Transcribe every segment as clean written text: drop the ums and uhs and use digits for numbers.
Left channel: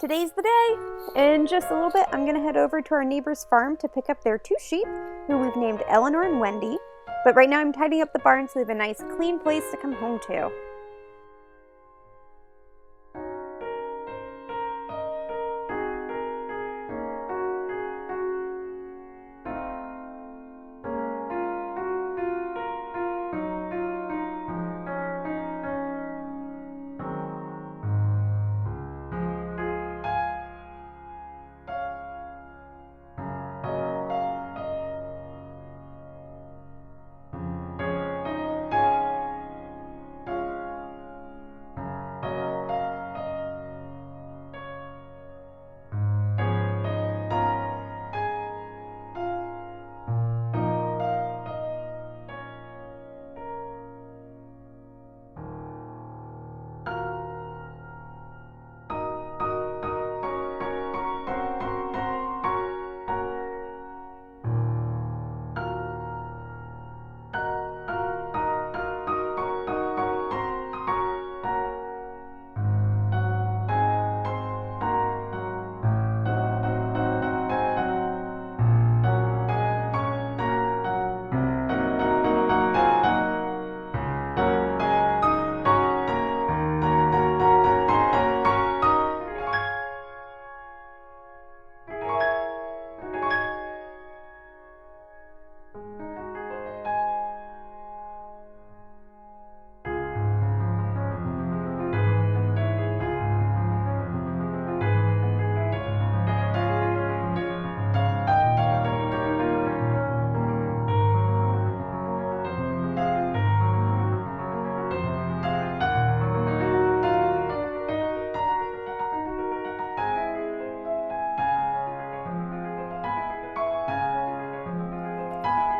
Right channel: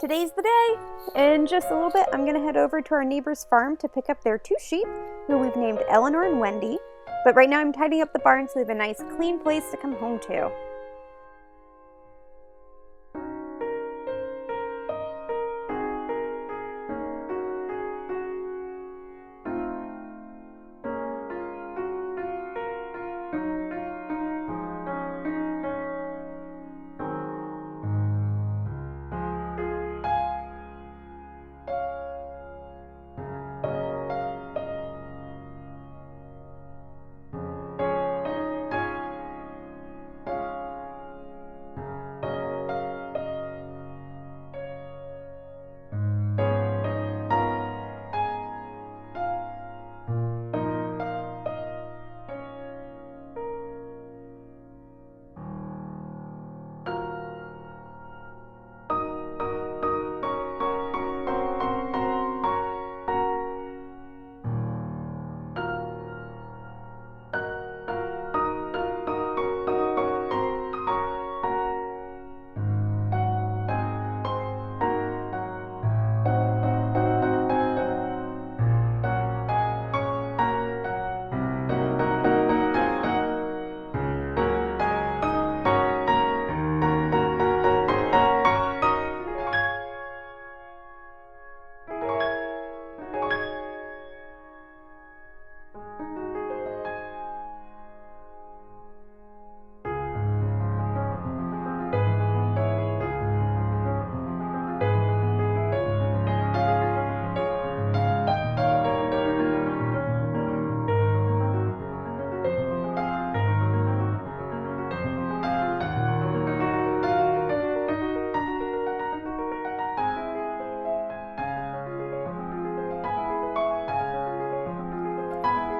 Today's the day. In just a little bit, I'm going to head over to our neighbor's farm to pick up their 2 sheep, who we've named Eleanor and Wendy. But right now I'm tidying up the barn so they have a nice clean place to come home to.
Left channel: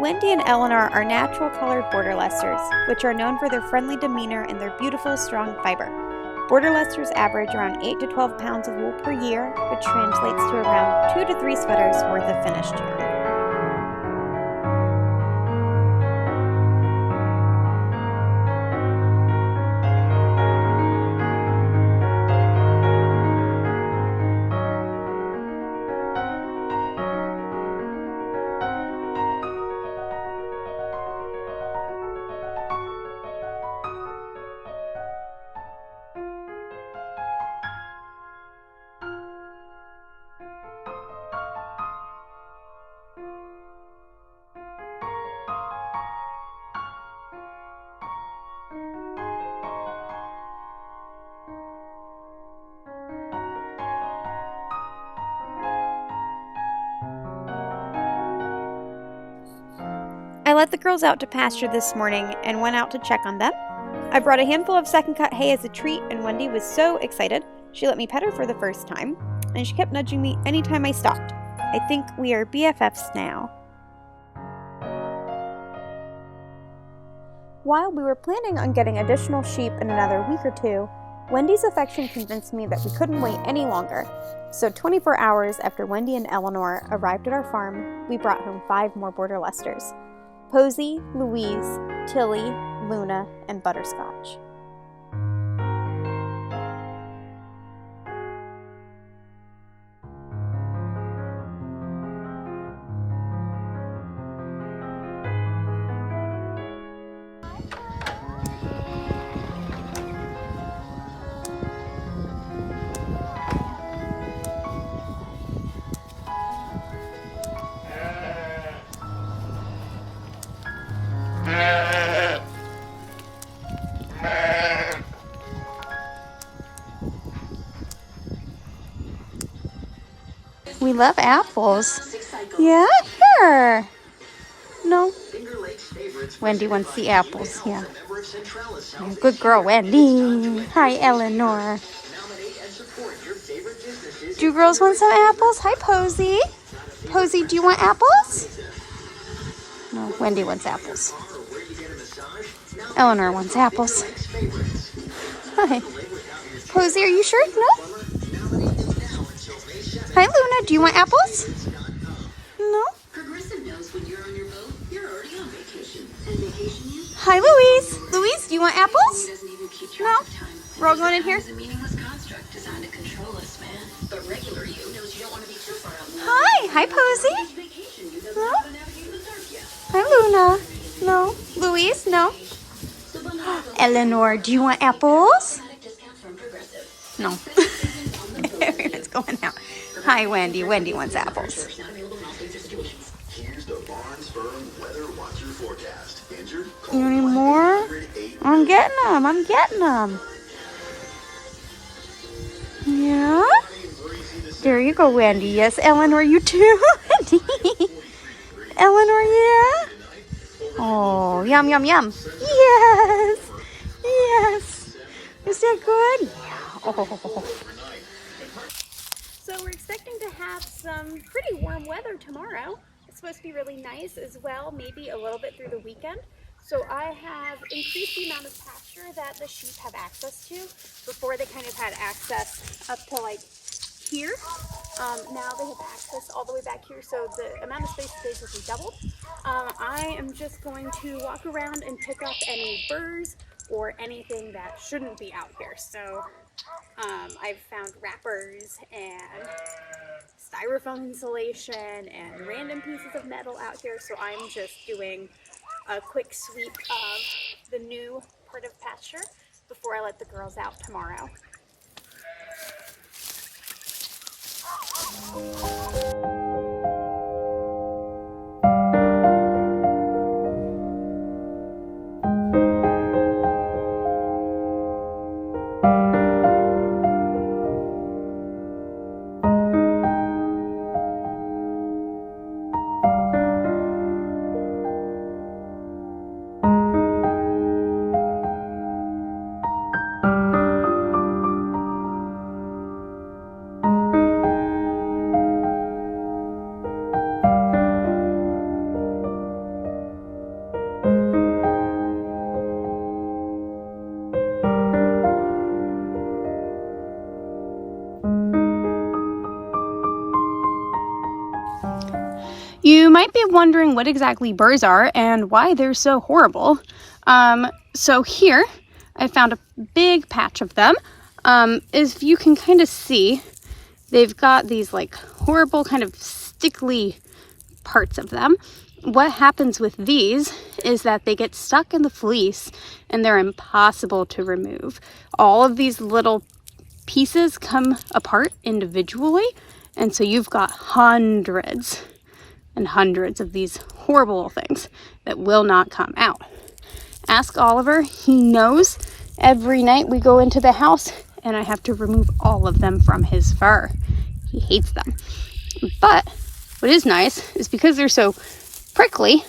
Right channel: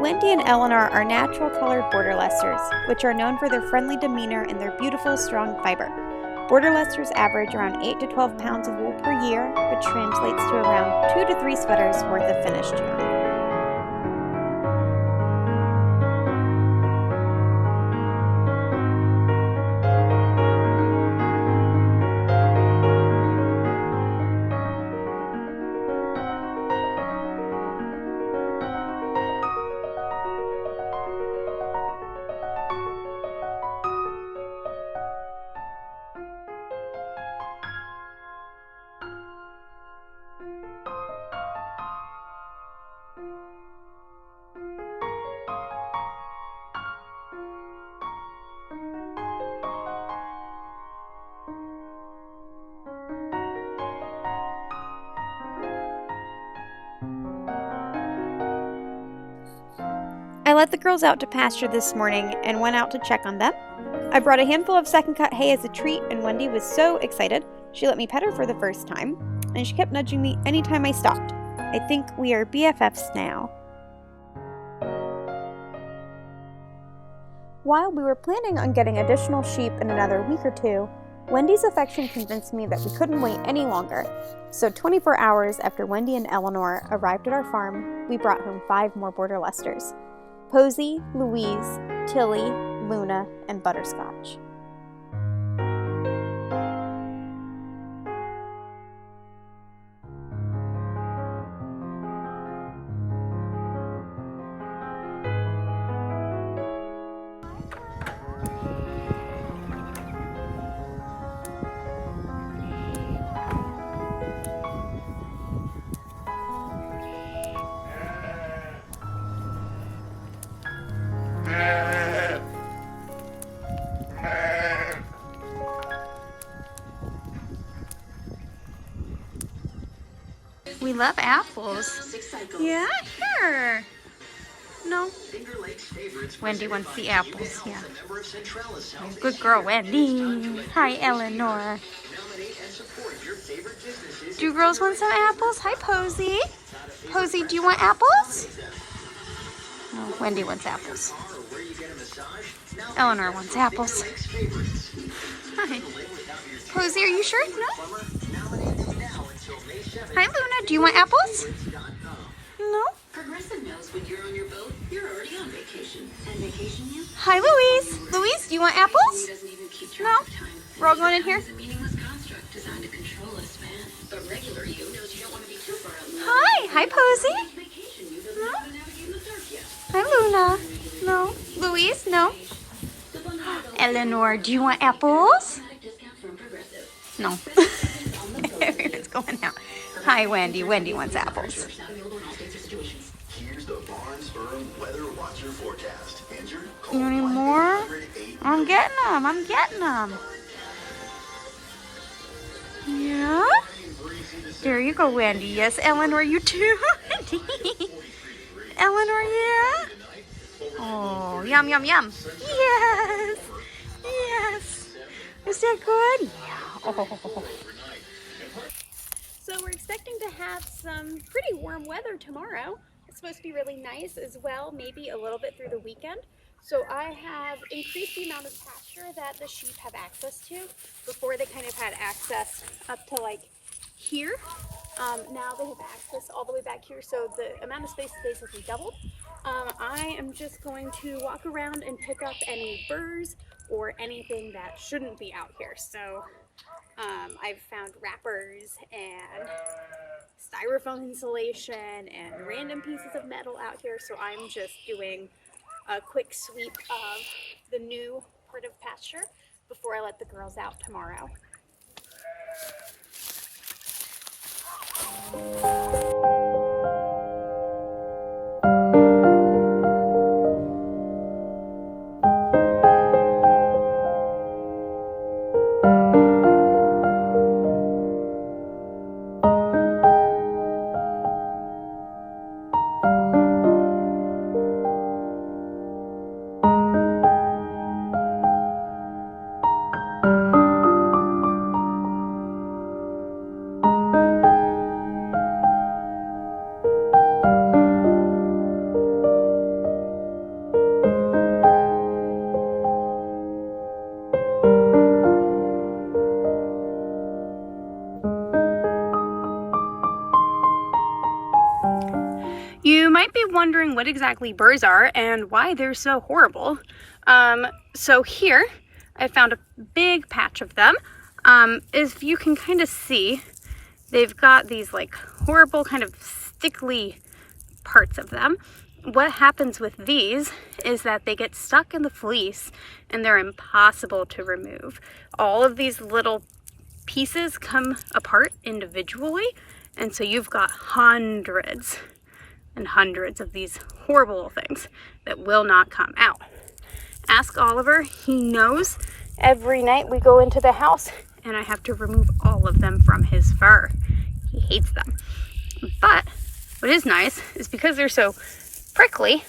Wendy and Eleanor are natural colored Border Leicesters, which are known for their friendly demeanor and their beautiful, strong fiber. Border Leicesters average around 8 to 12 pounds of wool per year, which translates to around 2 to 3 sweaters worth of finished yarn. I let the girls out to pasture this morning and went out to check on them. I brought a handful of second cut hay as a treat, and Wendy was so excited. She let me pet her for the first time, and she kept nudging me anytime I stopped. I think we are BFFs now. While we were planning on getting additional sheep in another week or 2, Wendy's affection convinced me that we couldn't wait any longer. So 24 hours after Wendy and Eleanor arrived at our farm, we brought home 5 more Border Leicesters: Posy, Louise, Tilly, Luna, and Butterscotch. We love apples. Yeah, here. No. Wendy wants the apples, yeah. Good girl, Wendy. Hi, Eleanor. Do girls want some apples? Hi, Posy. Posy, do you want apples? No, Wendy wants apples. Eleanor wants apples. Hi. Posy, are you sure? No? Hi, Luna. Do you want apples? No? Hi, Louise. Louise, do you want apples? No? We're all going in here? Hi, Posy. No? Hi, Luna. No. Louise, no. Eleanor, do you want apples? No. It's going out. Hi, Wendy. Wendy wants apples. You need more? I'm getting them. I'm getting them. Yeah? There you go, Wendy. Yes, Eleanor, you too. Eleanor, yeah? Oh, yum, yum, yum. Yes. Yes. Is that good? Yeah. Oh. So we're expecting to have some pretty warm weather tomorrow. It's supposed to be really nice as well, maybe a little bit through the weekend. So I have increased the amount of pasture that the sheep have access to. Before they kind of had access up to like here. Now they have access all the way back here, so the amount of space is basically doubled. I am just going to walk around and pick up any burrs or anything that shouldn't be out here. So I've found wrappers and styrofoam insulation and random pieces of metal out here, so I'm just doing a quick sweep of the new part of pasture before I let the girls out tomorrow. You might be wondering what exactly burrs are and why they're so horrible. So here I found a big patch of them. As you can kind of see, they've got these like horrible kind of stickly parts of them. What happens with these is that they get stuck in the fleece and they're impossible to remove. All of these little pieces come apart individually, and so you've got hundreds and hundreds of these horrible little things that will not come out. Ask Oliver, he knows. Every night we go into the house and I have to remove all of them from his fur. He hates them. But what is nice is because they're so prickly,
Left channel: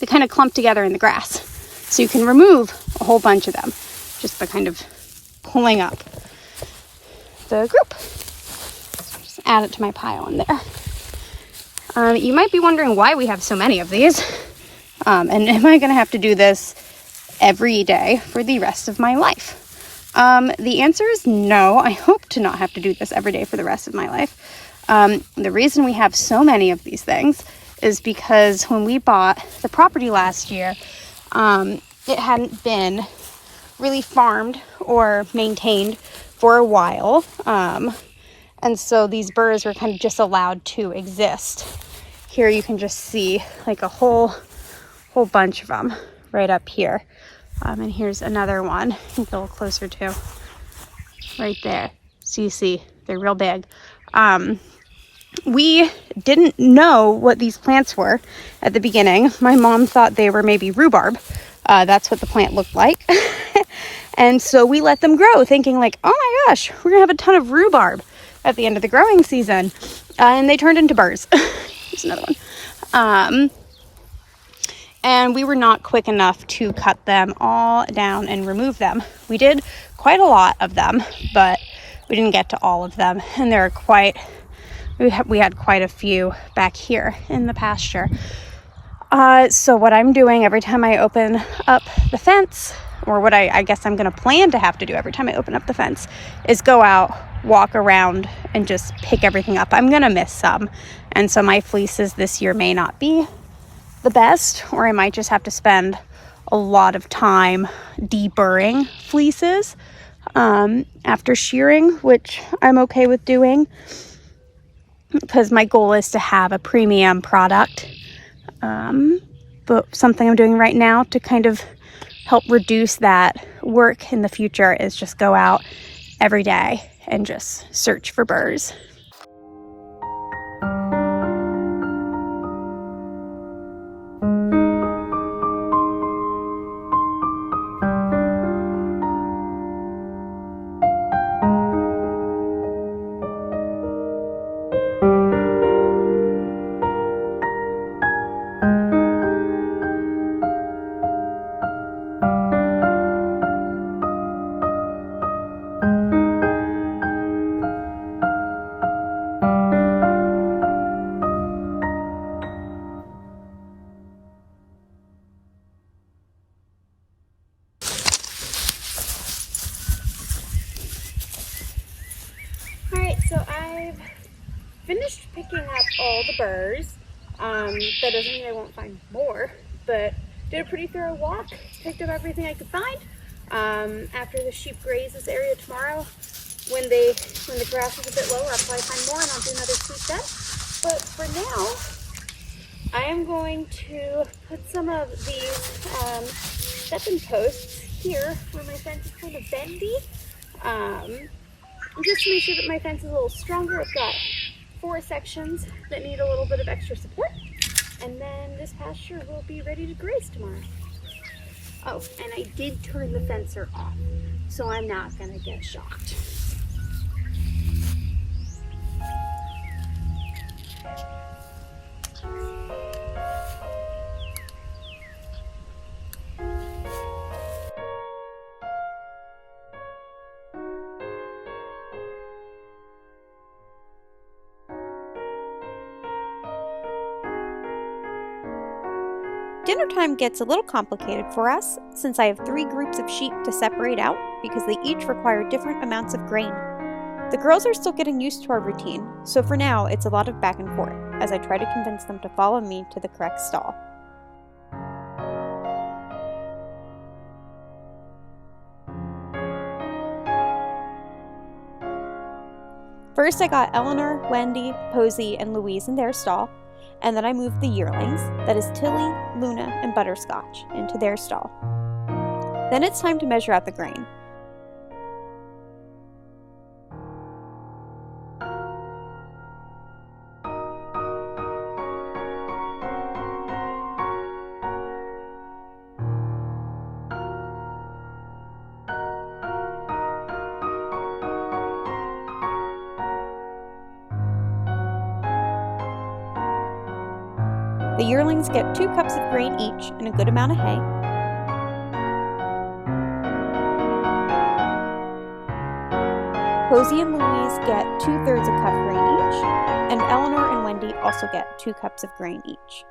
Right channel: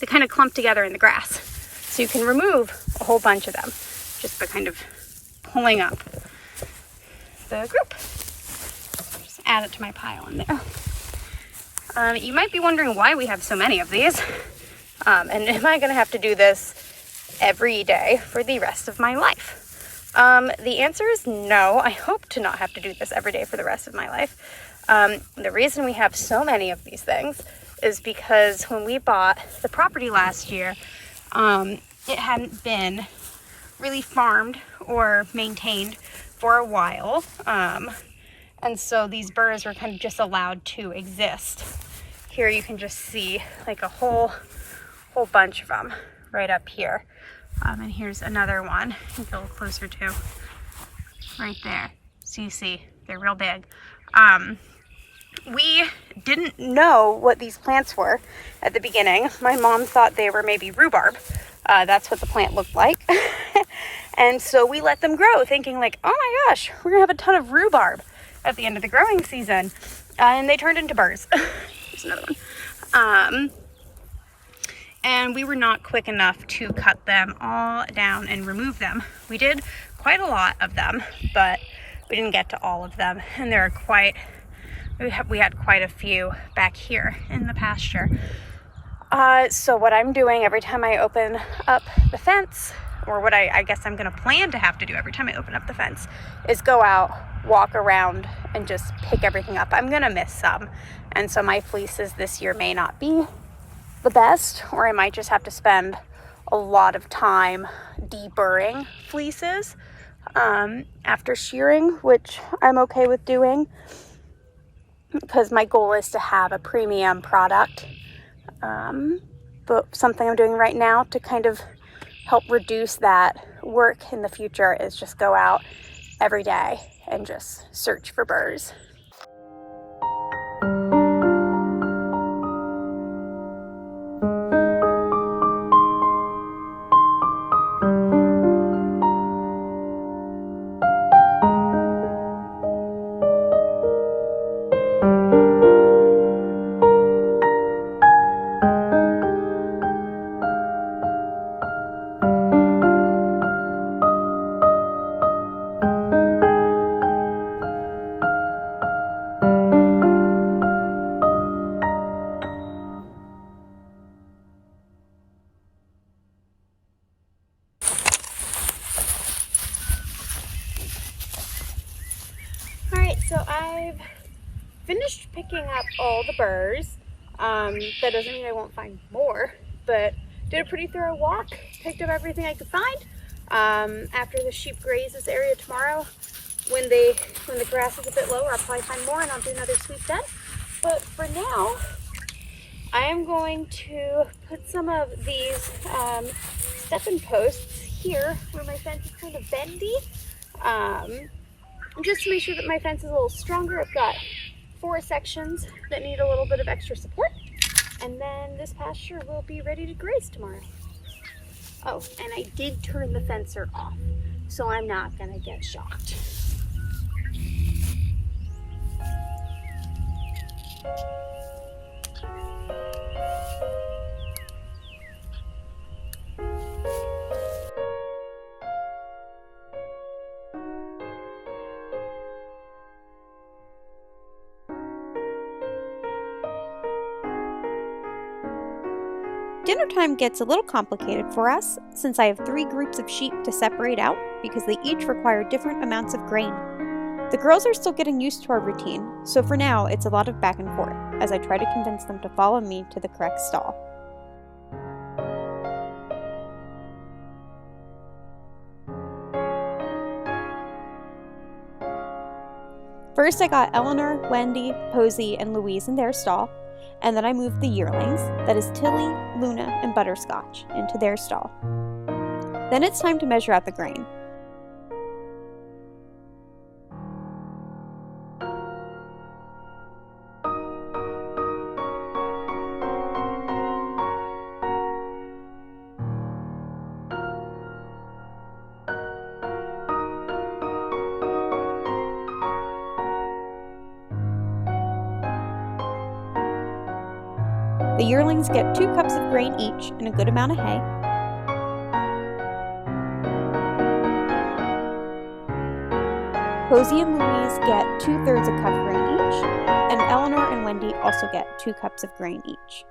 they kind of clump together in the grass. So you can remove a whole bunch of them just by kind of pulling up the group. So just add it to my pile in there. You might be wondering why we have so many of these. And am I going to have to do this every day for the rest of my life? The answer is no. I hope to not have to do this every day for the rest of my life. The reason we have so many of these things is because when we bought the property last year, it hadn't been really farmed or maintained for a while. And so these burrs were kind of just allowed to exist. Here you can just see like a whole bunch of them right up here. And here's another one. I think a little closer to right there. So you see they're real big. We didn't know what these plants were at the beginning. My mom thought they were maybe rhubarb. That's what the plant looked like. And so we let them grow thinking like, oh my gosh, we're gonna have a ton of rhubarb at the end of the growing season. And they turned into burrs. Here's another one. And we were not quick enough to cut them all down and remove them. We did quite a lot of them, but we didn't get to all of them. And there are we had quite a few back here in the pasture. So what I'm doing every time I open up the fence, or what I guess I'm gonna plan to have to do every time I open up the fence, is go out, walk around, and just pick everything up. I'm gonna miss some. And so my fleeces this year may not be the best, or I might just have to spend a lot of time deburring fleeces after shearing, which I'm okay with doing. because my goal is to have a premium product. But something I'm doing right now to kind of help reduce that work in the future is just go out every day and just search for burrs. Alright, so I've finished picking up all the burrs. That doesn't mean I won't find more, but did a pretty thorough walk, picked up everything I could find. After the sheep graze this area tomorrow, when the grass is a bit lower, I'll probably find more and I'll do another sweep then. But for now, I am going to put some of these stepping posts here where my fence is kind of bendy. Just to make sure that my fence is a little stronger. I've got 4 sections that need a little bit of extra support, and then this pasture will be ready to graze tomorrow. Oh, and I did turn the fencer off, so I'm not gonna get shocked. Dinner time gets a little complicated for us since I have 3 groups of sheep to separate out because they each require different amounts of grain. The girls are still getting used to our routine, so for now it's a lot of back and forth as I try to convince them to follow me to the correct stall. First I got Eleanor, Wendy, Posey, and Louise in their stall, and then I moved the yearlings, that is Tilly, Luna, and Butterscotch, into their stall. Then it's time to measure out the grain. The yearlings get 2 cups of grain each and a good amount of hay. Posey and Louise get 2/3 a cup of grain each, and Eleanor and Wendy also get 2 cups of grain each.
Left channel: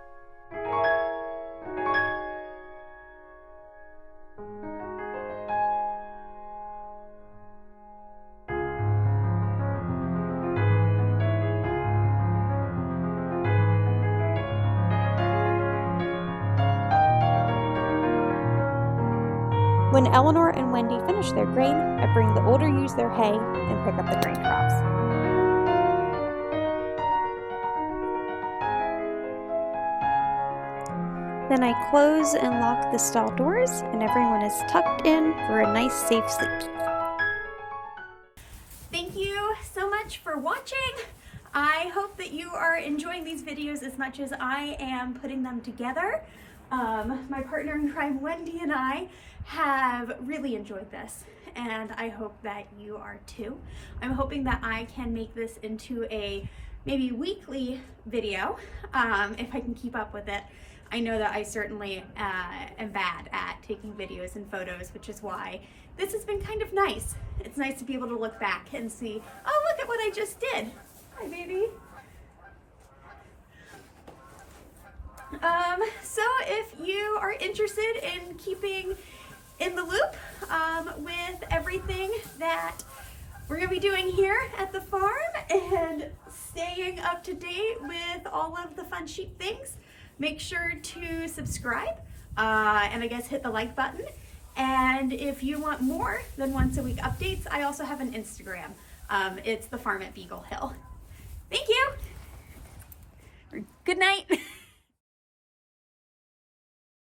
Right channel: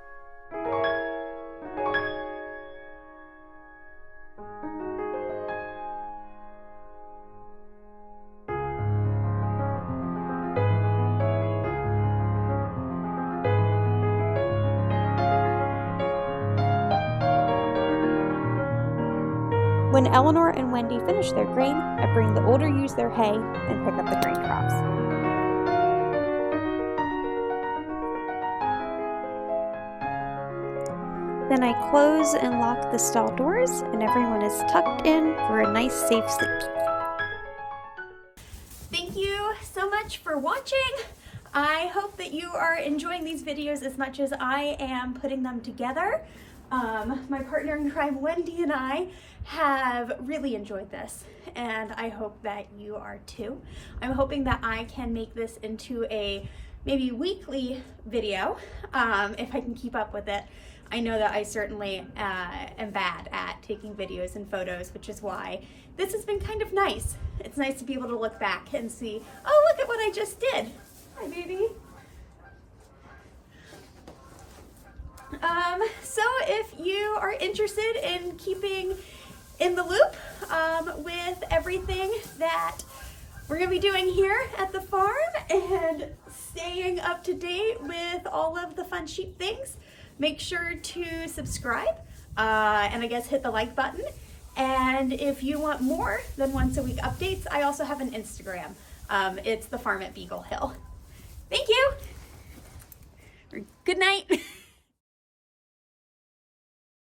When Eleanor and Wendy finish their grain, I bring the older ewes their hay and pick up the grain troughs. Then I close and lock the stall doors, and everyone is tucked in for a nice, safe sleep. Thank you so much for watching. I hope that you are enjoying these videos as much as I am putting them together. My partner in crime, Wendy, and I have really enjoyed this, and I hope that you are too. I'm hoping that I can make this into a maybe weekly video, if I can keep up with it. I know that I certainly am bad at taking videos and photos, which is why this has been kind of nice. It's nice to be able to look back and see, oh, look at what I just did. Hi, baby. So if you are interested in keeping in the loop with everything that we're going to be doing here at the farm and staying up to date with all of the fun sheep things, make sure to subscribe and I guess hit the like button. And if you want more than once a week updates, I also have an Instagram. It's the farm at Beagle Hill. Thank you. Good night.